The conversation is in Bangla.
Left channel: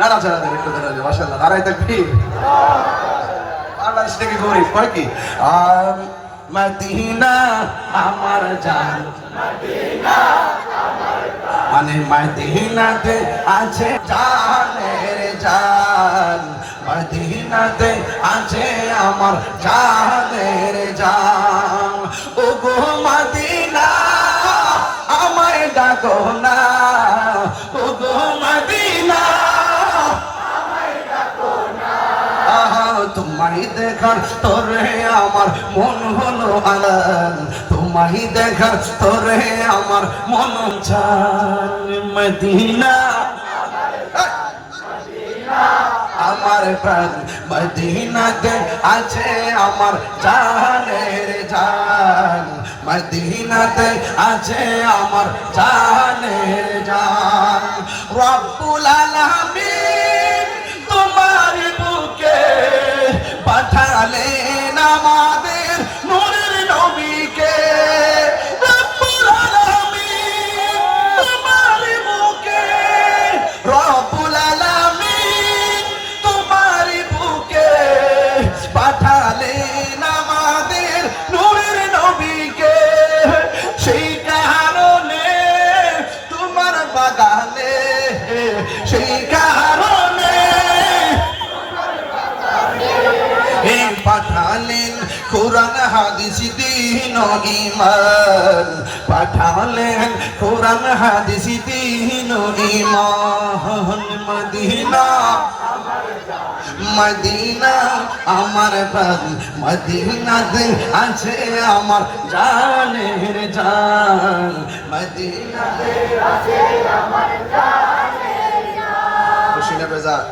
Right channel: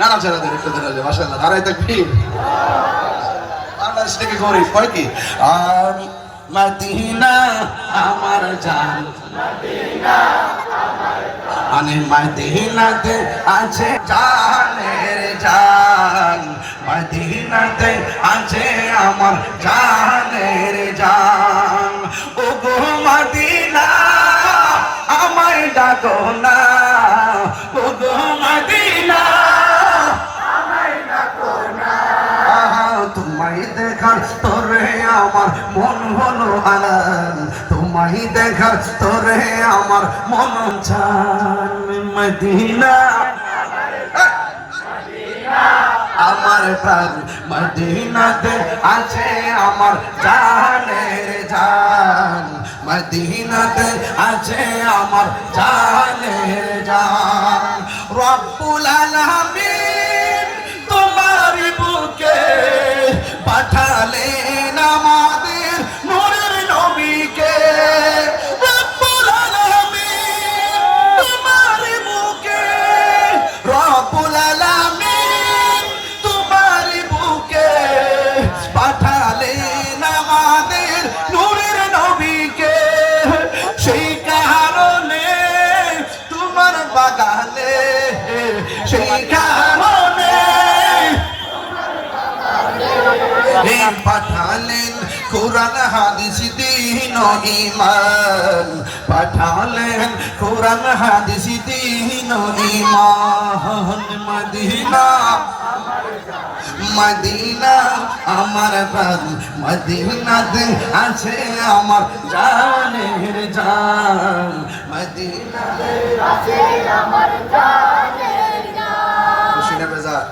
নাড়াচাড়াদের একটু ধরে আছে মাশাআল্লাহ নারায়ে তাকবীর বাংলাদেশ থেকে গরিব কয় কি আর মদিনা আমার জান মদিনা আমার জান আনে মদিনাতে আছে জানের জান মদিনাতে আছে আমার জানের জান ও গো মদিনা আমায় ডাকো না ও গো মদিনা তোমায় দেখার তোরে আমার মন হলো আলান তোমায় দেখার তোরে আমার মন চান মদিনা আমার প্রাণ মদিনাতে আছে আমার জানের জান মদিনাতে আছে আমার জানের জান রব্বুল আলামিন তোমার বুকে পাঠালেন আমাদের নূরের নবীকে রব্বুল আলামিন তোমার বুকে রব্বুল আলামিন তোমার বুকে পাঠালেন আমাদের নূরের নবীকে সেই কারণে তোমার বাগানে সেই কারণে পাঠালেন কোরআন হাদিস দ্বীন ও ঈমান পাঠালেন কোরআন হাদিস দ্বীন ও ঈমান মদিনা মদিনা আমার প্রাণ মদিনাতে আছে আমার জানের জান মদিনাতে আছে আমার জানের জান খুশি না বেজার